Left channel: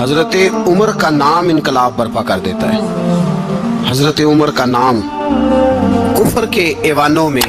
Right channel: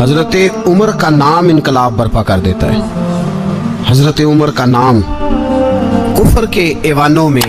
حضرت عمر کا نام انقلاب برپا کر دیتا ہے. حضرت عمر کا نام کفر کے ایوانوں میں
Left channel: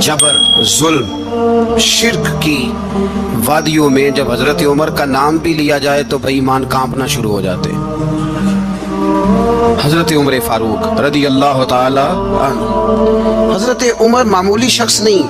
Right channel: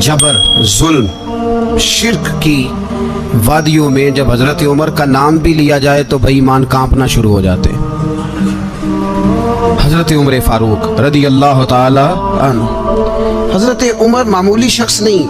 جبر، ظلم، شرک کی وادیوں میں جب حضرت عمر کا نام بھی لیا جائے تو بھائی ایمان کانپنا شروع ہو جاتے. حضرت عمر فاروق رضی اللہ تعالی عنہ. حضرت عمر معمولی شخص نہیں،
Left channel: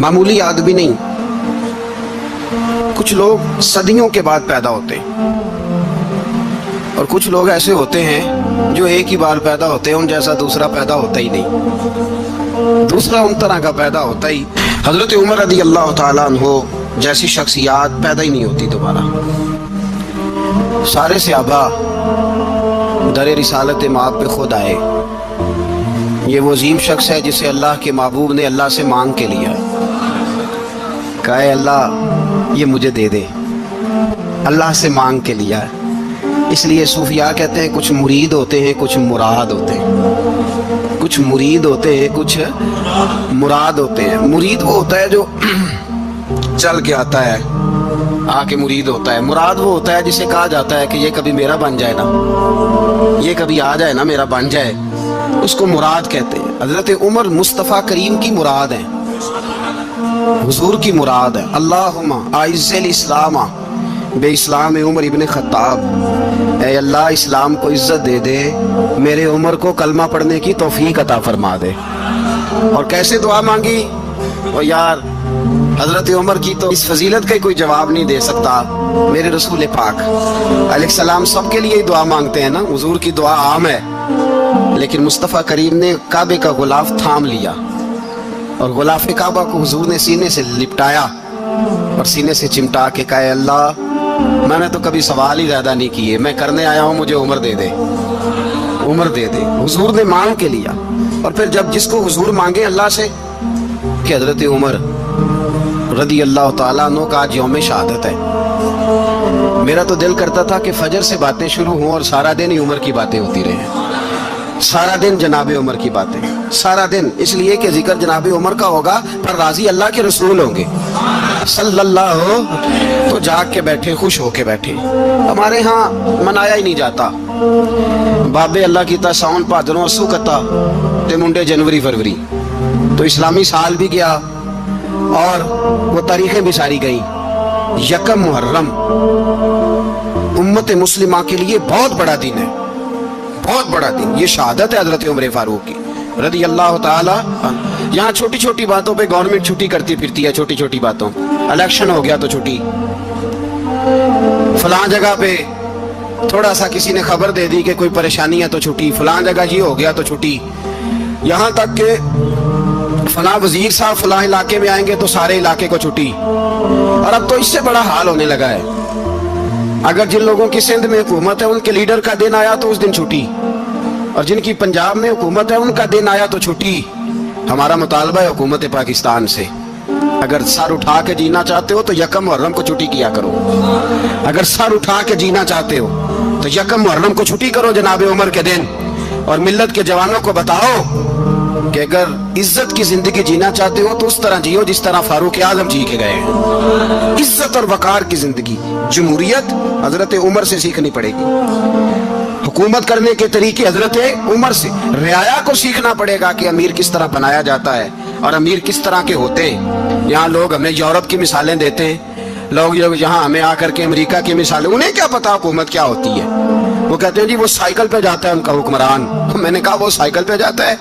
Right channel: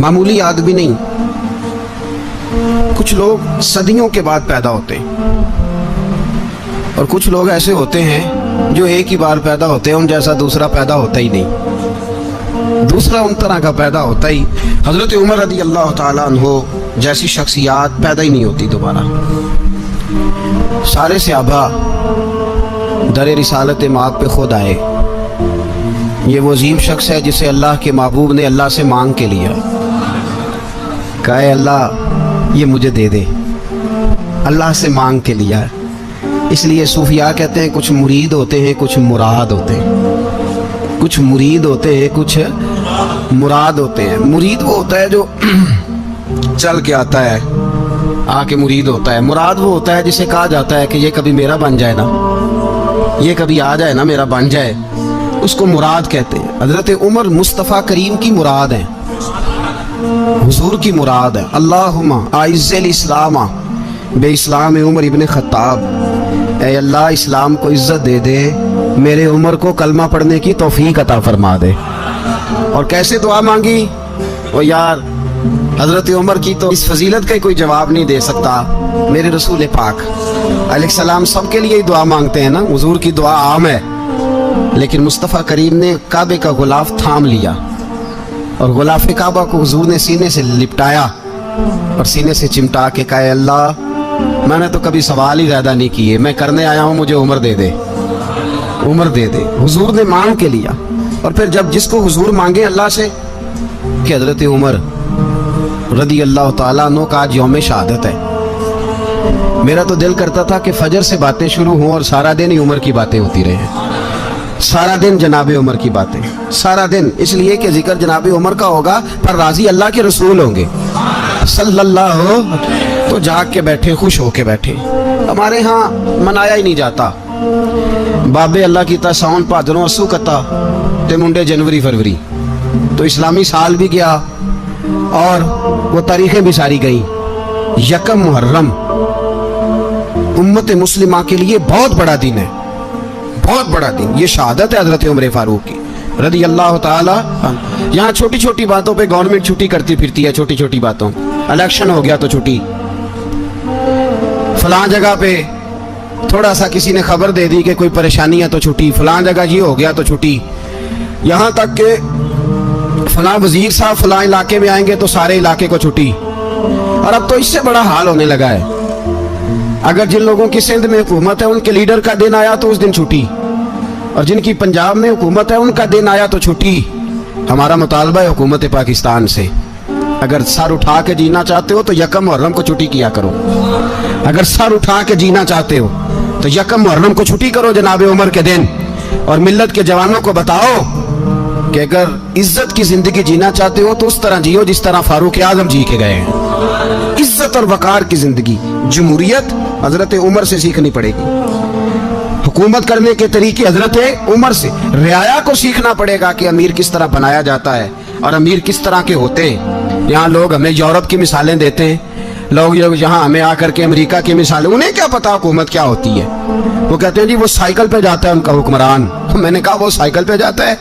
معمولی آدمی نہیں. کچھ لوگ صدیوں کے بعد پیدا ہوتے ہیں اور کچھ لوگ ایسے ہوتے ہیں جو ایک ہی بار پیدا ہوتے ہیں، ان جیسا دوسرا پیدا ہوتا ہی نہیں، دوسرا ان طرح کا پیدا ہوتا ہی. حضرت عمر رضی اللہ تعالیٰ عنہ جیسی شخصیات پیدا ہی نہیں ہوتی دوبارہ. سارے صحابہ در رسالت مآب پہ خود آئے. یہ وہ عظیم شخص ہے جسے اللہ کے محبوب نے اللہ سے مانگ کے لیا، کہا اے اللہ یہ مجھے دے دے. اللہ سے مانگ کے لیا. اس لیے صوفیاء کہتے ہیں کچھ مرید ہوتے ہیں کچھ مراد ہوتے ہیں. کچھ مرید ہوتے ہیں کچھ مراد ہوتے ہیں. مرید وہ ہوتا ہے جو چل کے آتا ہے، آ کے مرید ہوتا ہے. مراد وہ ہوتا ہے جسے کہا جاتا ہے کہ یہ کبھی میرا بن جائے نا، یہ کبھی آ جائے نا، میرا بن جائے، اس کو مراد کہتے ہیں. حضرت عمر مصطفیٰ کریم کی مراد ہیں، حضور کی مراد ہے. اللہم اعز الاسلام بے اسلام عمر ابن خطاب. اے اللہ اسلام کو عزت دے دے، میرے عمر کو کلمہ پڑھنے کی توفیق عطا فرما دے. اور کیسے دعا مانگی؟ او یار حضرت عمر کی تو اس فضیلت کا کوئی جواب نہیں دے سکتا. میرے رسول پاک علیہ السلام سب کے لیے ہی دعا مانگتے ہیں نا، حضور کی دعا عام ہے، لیکن مصطفیٰ کریم نے کعبے کا غلاف تھام لیا اور غلاف کعبہ کو حضور نے سینے سے لپٹایا اور سینے سے چمٹا کے کہا اے اللہ میں نے تو کبھی سوال ہی زیادہ نہیں کیے، میں کرنے آیا ہوں، مجھے عمر دے دے، عمر دے دے. حضور نے مانگ کے لیا. اور پھر جب جس کو حضور مانگے اللہ سے کہ حضرت عمر رضی اللہ تعالیٰ عنہ کا آج یوم شہادت ہے، میرا تو دل کرتا تھا کہ فجر سے باتیں شروع ہوں اور سارا دن ہی عمر کی باتیں ہوتی رہے، سارا دن جناب عمر کی باتیں، سارا دن. اس لیے کہ ذکر جناب عمر کا ہوگا پر راضی اللہ کے رسول ہوں گے صلی اللہ ہو. تو جاگ کے بیٹھے، خوش ہو کے بیٹھے. ہمارے ہاں منایا ہی نہیں جاتا. بابے اللہ کی تا ساؤن پادروں اسو کتا تے منڈے جنوری فروری. تو اسلامی سال بھی گیا اور وہ تاریخیں بھی ساری گئیں. یکم محرم امت مسلمہ کے لیے بہت بڑا دن ہے، بہت بڑا دن. یہ شہادت ہے حضرت عمر فاروق کی رضی اللہ تعالی عنہ. یہاں چھوٹی چھوٹی باتوں پہ گورنمنٹ چھٹی کرتی پھرتی ہے، چھوٹی چھوٹی باتوں. الیکشن ہو گیا تو چھٹی، فلاں جگہ پہ تھوڑا سا کسی نے خبر دے دی کہ کوئی پریشانی ہے تو چھٹی، فلاں جگہ یہ ہو گیا تو چھٹی. یہاں تک کہ فلاں وزیر صاحب فلاں علاقے میں آئیں گے تو سارے علاقے کو چھٹی. اور اب تو اس سے بڑا حال ہونے لگا ہے. اگر جن لوگوں کی سندھ میں حکومت ہے ان کے لیڈر کا دن آیا تو اس دن چھٹی، اور جن کی پنجاب میں حکومت ہے ان کا دن آیا تو چھٹی. ہمارا مطالبہ ہے حکومت پاکستان سے، اگر سر اٹھا کے جینا چاہتے ہو تو یکم محرم کو چھٹی کیا کرو. اگر سر اٹھا کے جینا چاہتے ہو تو یکم محرم کو چھٹی کرو جناب عمر کے دن. اور ملت کے جوانوں کو بتاؤ کہ اگر عزت کی زندگی جینا چاہتے ہو تو اس طرح جیو جس طرح فاروق اعظم جی کے گئے. عزت اور وقار کی زندگی، جمہوریت حضرت عمر سے سیکھنی پڑے گی. حکومت کرنے کے طریقے حضرت عمر سے. رعایا کو سیکھنا پڑے گا کہ امیر کس طرح بنایا جاتا ہے اور امیر کس طرح کے ہوتے ہیں. یہاں لوگ ہمیں یورپ کی مثالیں دیتے ہیں، لوگ یہاں ہمیں آ کر کے امریکہ کی مثالیں. انہیں کیا پتا حکومت کیا ہوتی ہے؟ وہ کہتے ہیں جی وہ سائیکل پہ جاتا ہے ان کا حکمران. میں نے کہا وہ سائیکل پہ جاتا ہے؟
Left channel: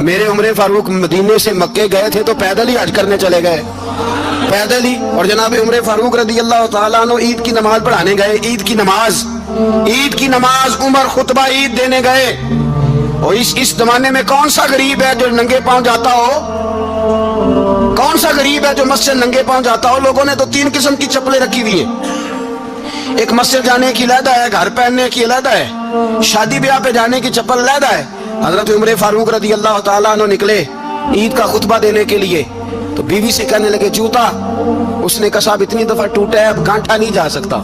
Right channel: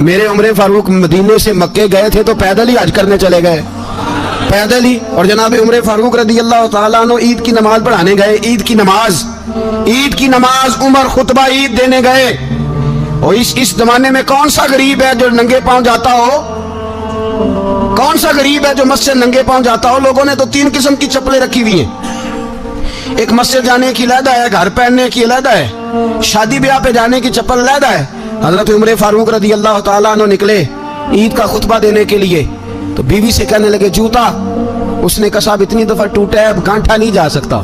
میرے عمر فاروق مدینے سے مکے گئے تھے تو پیدل ہی حج کرنے چلے گئے، پیدل ہی. اور جناب عمر فاروق رضی اللہ تعالیٰ عنہ عید کی نماز پڑھانے گئے. عید کی نماز عمر خطبہ عید دینے گئے. اور اس زمانے میں کون سا غریب ہے جو ننگے پاؤں جاتا ہو؟ کون سا غریب ہے جو مسجد ننگے پاؤں جاتا ہو؟ لوگوں نے تو 3 قسم کی چپلیں رکھی ہوئی ہیں. ایک مسجد جانے کی علیحدہ ہے، گھر پہننے کی علیحدہ ہے، شادی بیاہ پہ جانے کی چپل علیحدہ ہے. حضرت عمر فاروق رضی اللہ تعالیٰ عنہ نکلے عید کا خطبہ دینے کے لیے تو بیوی سے کہنے لگے جوتا. اس نے کہا صاحب اتنی دفعہ ٹوٹا ہے اب گانٹھا نہیں جا سکتا،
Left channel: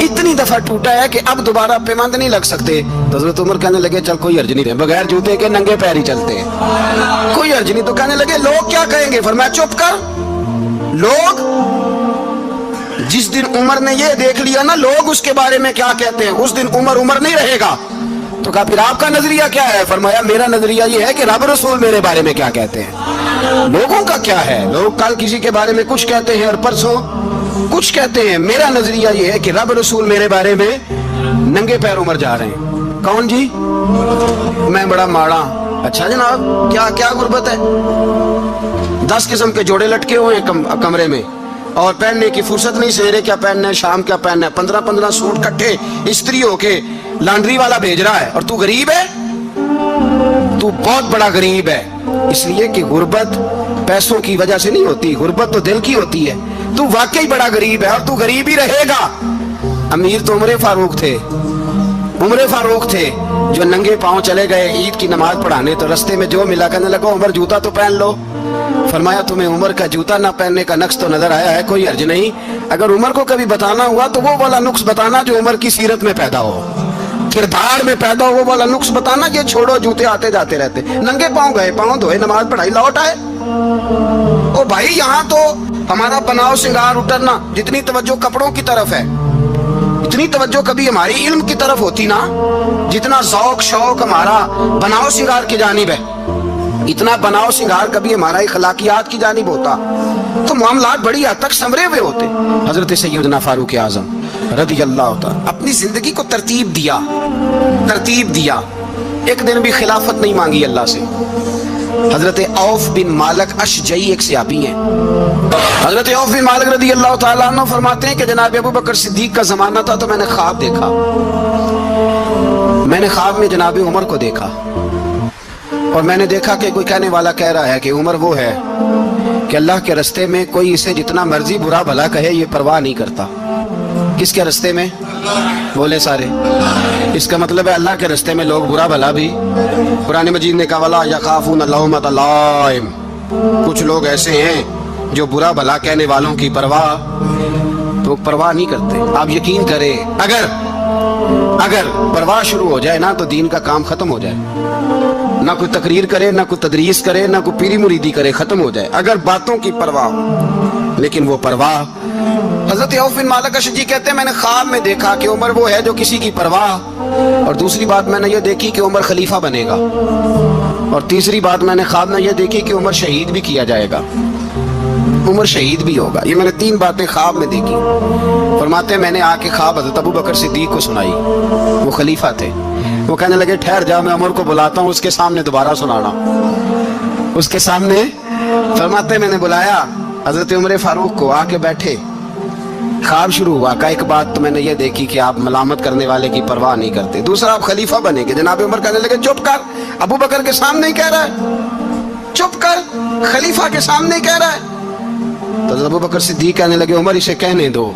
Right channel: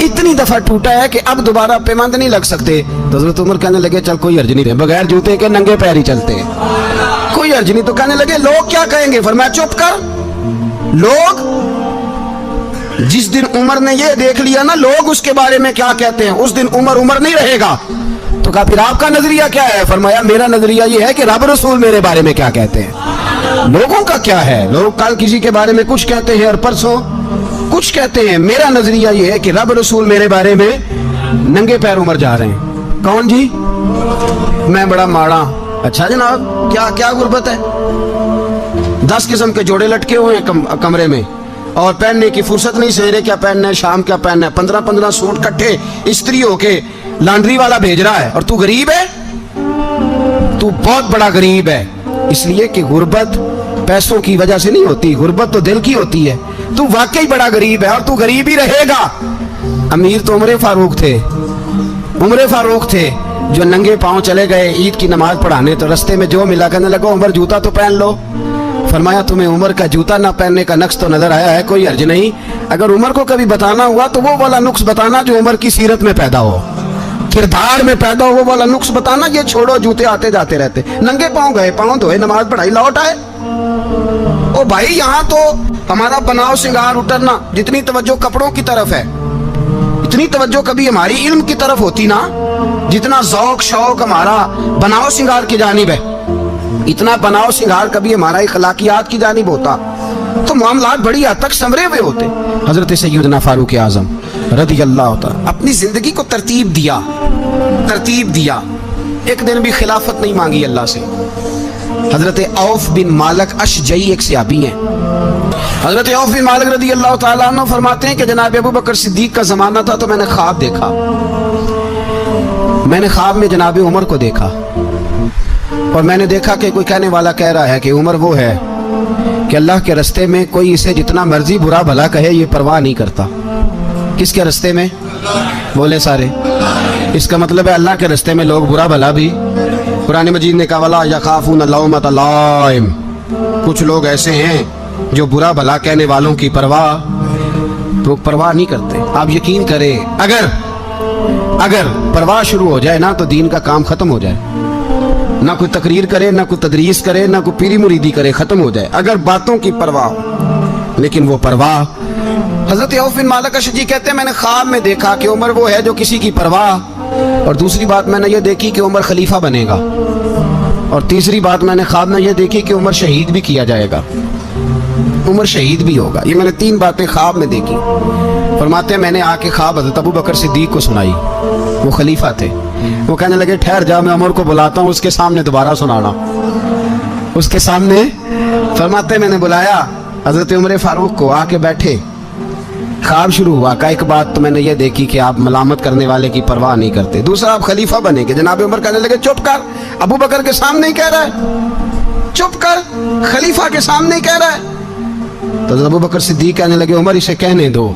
اتنی دفعہ ٹوٹا ہے کہ اب دوبارہ پیمند نہیں لگ سکتے. تو حضرت عمر کہنے لگے چل کوئی حرج نہیں، بغیر جوتے کے ننگے پیر ہی چلتے، کوئی حرج نہیں. تو کہنے لگے لوگ کیا کہیں گے؟ فرمایا چپ کر. لوگ जिस दिन उमर ने ये देख लिया ना लोग उसके बारे में क्या कहते हैं, उस दिन उमर उमर नहीं रहेगा। तो कहा फिर आपका नजरिया क्या है? फरमाया मेरा नजरिया ये है कि रब रसूल मेरे बारे में क्या कहते हैं। लोगों का क्या है, लोग कल किसी के बारे में कुछ कहते हैं और परसों कुछ कहते हैं। मेरा नजरिया ये है कि रब रसूल मेरे बारे में नंगे पैर उमर जा रहे हैं। कौन जी? मैं बड़ा माड़ा। अच्छा जनाब, क्या क्या गुर्बत है? 10 किस्म के जोड़े लटके हुए हैं कमरे में और पहनने की फुर्सत नहीं, सवेरे क्या पहनना है, शाम क्या पहनना है, 15-15 सूट कट्ठे इस्त्री होके लॉन्ड्री वाला भेज रहा है और तू गरीब है। तू बहुत बड़ा गरीब है, इसलिए कि गुर्बत पैसों की वजह से नहीं होती, गुर्बत तो दिल की होती है। तू वाकई बड़ा गरीब है और तू गरीब ही रहेगा। अमीर तो उमर फारूक थे, उमर फारूक थे जो नंगे पांव चले गए ईद की नमाज पढ़ाने, तो रस्ते में जो मिला कहने लगा उमर जूता तो पहन लो। फरमाया तुम्हें उमर का जूता ना पहनने का नक्श तो नजर आया है, कोई हर्ज नहीं। अगर उमर को कभी बताना हुआ तो वो वाला नुक्स बताना जो उमर की सीरत में पैदा हो, किरदार में पैदा हो, वो वाला नुक्स बताना। ये छोड़ो जूते आते जाते रहते, नंगे पांव गए, पांव धोए, नमाज पढ़ाई, लौट आए। ओ भाई यहाँ तो हमारा बनाव श्रृंगार उतरना, जितनी तवज्जो कपड़ों की तरफ है इतनी तवज्जो कभी हमारी इल्म की तरफ होती ना, जितना ज़ौक शौक हमारा बनाव श्रृंगार की जानिब है, इतना बनाव श्रृंगार कभी हमारा इखलाकियात की जानिब होता तो मामलात बड़ी हद तक संवरे हुए होते। हजरत सैयदना फारूक आजम रज़ी अल्लाह तआला अपनी जिंदगी को तरतीब दिया। एक दिन भी खिलाफत नहीं मांगी अल्लाह से। हजरत औफ बिन मालिक अशजई एक सहाबी हैं। हजरत औफ बिन मालिक रज़ी अल्लाह तआला अन्हु फरमाते हैं कि जनाब अबू बकर सिद्दीक का जमाना था तो मैंने ख्वाब देखा। मैंने ख्वाब में जनाब उमर को देखा और मैंने देखा कि कोई कहने वाला कह रहा है कि उमर वो है कि अल्लाह के रास्ते में कोई इसे जितना मर्जी बुरा भला कहे ये परवाह नहीं करता। किसके रास्ते में? बोले सारे। इसका मतलब है अल्लाह के रास्ते में लोग बुरा भला भी, कुरान मजीद ने कहा वला यखाफून लौमत लाइम, कुछ लोग ऐसे हैं जो बुरा भला कहने वालों की परवाह नहीं करते। आप यकीन करें अगर परवाह शुरू हो जाए ना तो दीन का काम खत्म हो जाए। ना कोई तकरीर करे, ना कोई तदरीस करे, ना कोई पीरी मुरीदी करे, खत्म हो जाए अगर बातों की परवाह हो। लेकिन वो परवाह, हजरत औफ बिन मालिक अशजी कहते हैं मैंने ख्वाब में देखा कि उमर वो है जो किसी की परवाह, और दूसरी बात मैंने ये देखी कि उमर खलीफा बनेगा, और तीसरी बात मैंने ख्वाब में ये देखी कि उमर शहीद भी किया जाएगा, उमर शहीद भी होगा। ये मैंने 3 बातें ख्वाब में देखी। फरमाते मैंने आके ख्वाब हजरत अबू बकर सिद्दीक को सुनाई, वो खलीफा थे। वो कहने लगे ठहर जा, मैं उमर को बुलाता हूँ, उसके सामने दोबारा सुनाना। उसके सामने फरमाते मैंने बुलाया हजरत उमर फारूक को, आके बैठे, ख्वाब शुरू हुआ। का एक बात तो मैंने ये देखी कि आप मलामत करने वाले की परवाह नहीं करते, दूसरा आप खलीफा बनेंगे। जनाब उमर कहने लगे चुप कर, अबू बकर के सामने ही कह रहा है, चुप कर, खलीफा के सामने ही कह रहा है। तो अबू बकर सिद्दीक कहने लगे उमर इसे कहने दो,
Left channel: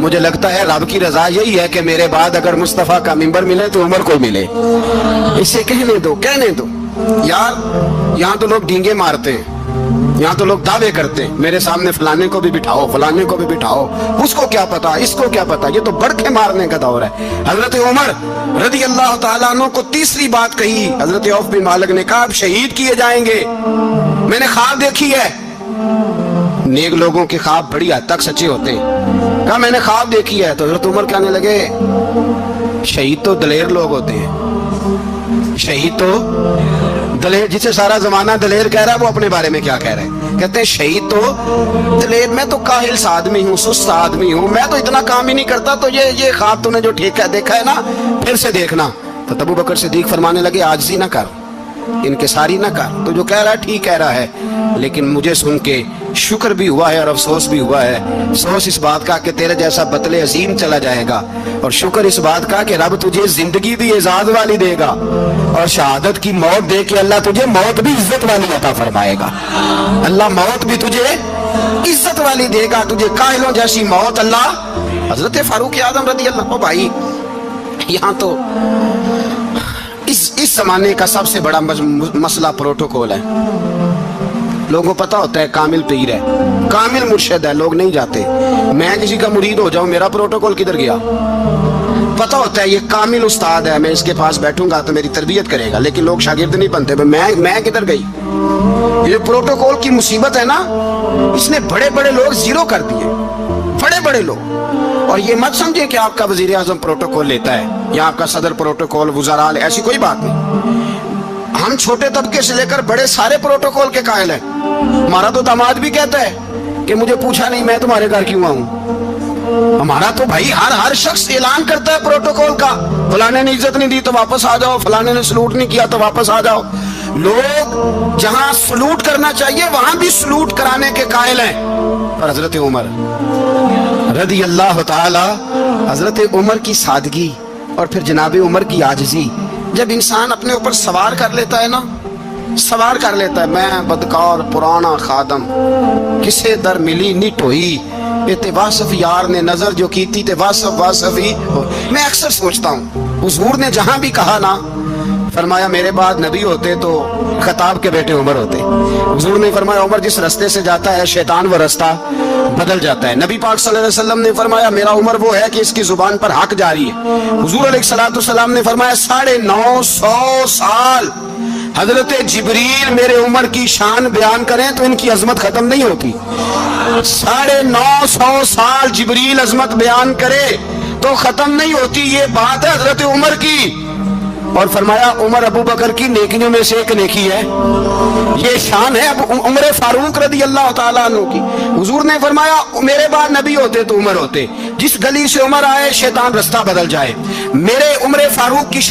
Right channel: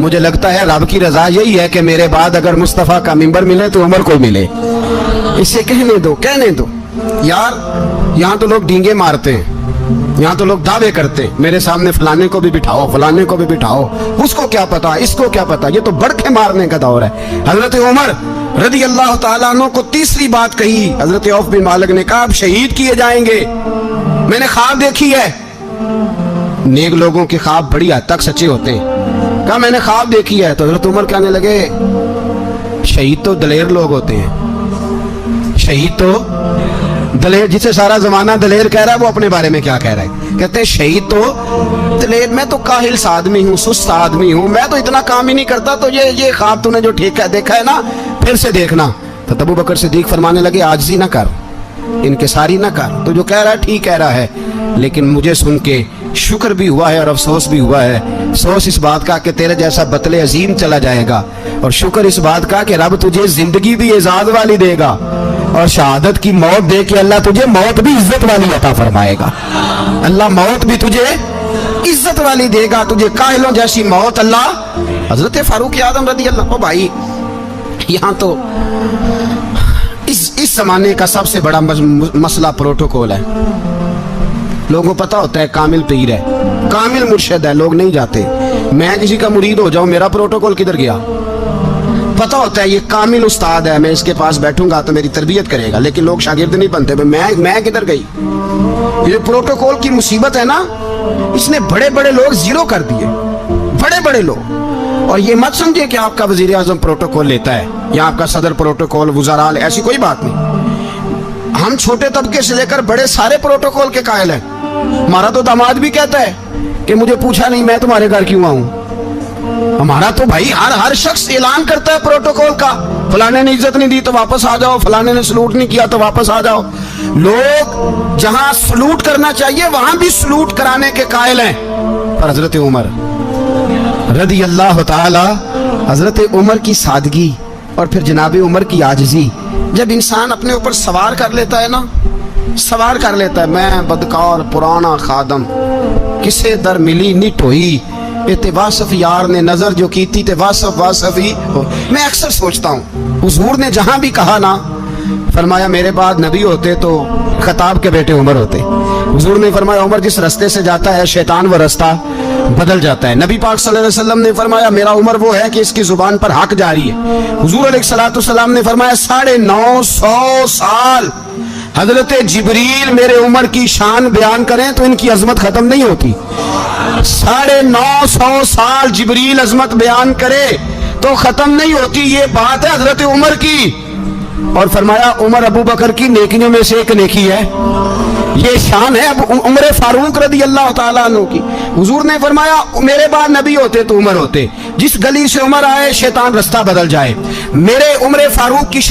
मुझे लगता है रब की रजा यही है कि मेरे बाद अगर मुस्तफा का मिंबर मिले तो उमर को मिले, इसे कहने दो। यार यहाँ तो लोग डींगे मारते हैं, यहाँ तो लोग दावे करते हैं, मेरे सामने फलाने को भी बिठाओ, फलाने को भी बिठाओ, उसको क्या पता, इसको क्या पता, ये तो बड़के मारने का दौर है। हजरत उमर रज़ी अल्लाह तआला अन्हु को तीसरी बात कही। हजरत औफ बिन मालिक ने कहा आप शहीद किए जाएंगे, मैंने ख्वाब देखी है। नेक लोगों के ख्वाब बड़ी हद तक सच्चे होते हैं। कहा मैंने ख्वाब देखी है। तो हजरत उमर कहने लगे शहीद तो दलेर लोग होते हैं, शहीद तो दलेर, जिसे सारा जमाना दलेर कह रहा है वो अपने बारे में क्या कह रहा है? कहते हैं शहीद तो दलेर, मैं तो काहिल सा आदमी हूँ, सुस्त आदमी हूँ, मैं तो इतना काम ही नहीं करता। तो ये ख्वाब तूने जो ठीक है देखा है ना, फिर से देखना। तो अबू बकर सिद्दीक फरमाने लगे आजिज़ी ना कर, इनकिसारी ना कर, तो जो कह रहा है ठीक कह रहा है, लेकिन मुझे सुन के शुक्र भी हुआ है और अफसोस भी हुआ है। अफसोस इस बात का कि तेरे जैसा बतले अजीम चला जाएगा, और शुक्र इस बात का कि रब तुझे जिंदगी भी एजाज वाली देगा, और शहादत की मौत दे के अल्लाह तुझे मौत भी इज्जत वाली अता फरमाएगा। अल्लाह मौत भी तुझे इज्जत वाली देगा, तुझे काहिलों जैसी मौत अल्लाह। हजरत फारूक आज़म रज़ी अल्लाह, भाई यहाँ तो इस जमाने का सबसे बड़ा मसला प्रोटोकॉल है। लोगों को पता होता है कामिल पीर है, कामिल मुर्शिद है, लोग नहीं जाते। मैं किसी का मुरीद हो जाऊं, मेरा प्रोटोकॉल किधर गया? पता होता है ये कामिल उस्ताद है, मैं इसके पास बैठूंगा तो मेरी तरबियत करेगा, लेकिन लोग शागिर्द नहीं बनते। मैं किधर गई? ये प्रोटोकॉल की मुसीबत है ना, इसने बड़े बड़े लोग जीरो कर दिए, बड़े बड़े लोग। और ये मत समझे कि आपका वजीर आजम प्रोटोकॉल लेता है या आपका सदर प्रोटोकॉल, वुज़रा, ऐसी कोई बात नहीं। हम छोटे तबके से लेकर बड़े सारे प्रोटोकॉल के कायल हैं। हमारा तो दामाद भी कहता है कि मुझे पूछा नहीं मैं तुम्हारे घर क्यों आऊं। हमारा तो भाई हर शख्स ऐलान करता है प्रोटोकॉल का, फलाने ने इज्जत नहीं दी तो वापस आ जाओ, फलाने ने सलूट नहीं किया तो वापस आ जाओ। लोग जहां सलूट करना चाहिए वहां भी सलूट कराने के कायल हैं। पर हजरत उमर रदी अल्लाह ताला, हजरत उमर की सादगी और फिर जनाब उमर की आजिज़ी, जब इंसान अपने ऊपर सवार कर लेता है ना, सवार कर लेता है, मैं बदकार पुराना खादम किसे दर मिली नी टोई, ते वासफ यार ने नजर जो की थी ते वासफ वासफ ही। मैं अक्सर सोचता हूँ हुजूर ने जहां भी कहा ना, फरमाया मेरे बाद नबी होते तो खताब के बेटे उमर होते। हुजूर ने फरमाया उमर जिस रास्ते से जाता है शैतान वो रास्ता बदल जाता है। नबी पाक सल्लल्लाहु अलैहि वसल्लम ने फरमाया मेरा उमर वो है कि इसकी जुबान पर हक जारी है। हुजूर अलैहिस्सलाम ने फरमाया 950 साल हजरत जिब्रील मेरे उमर की शान बयान करें तो इनकी अजमत खत्म नहीं होती। 950 साल जिब्रील अजमत बयान करे तो खत्म नहीं होती। ये बात है हजरत उमर की। और फरमाया उमर अबू बकर की नेकियों में से एक नेकी है, ये शान है अब उमर फारूक रदी अल्लाह ताला अन्हु की। हुजूर ने फरमाया मेरे बाद नबी होते तो उमर होते, जिस गली से उमर आए शैतान रास्ता बदल जाए। मेरे उमर फारूक की शान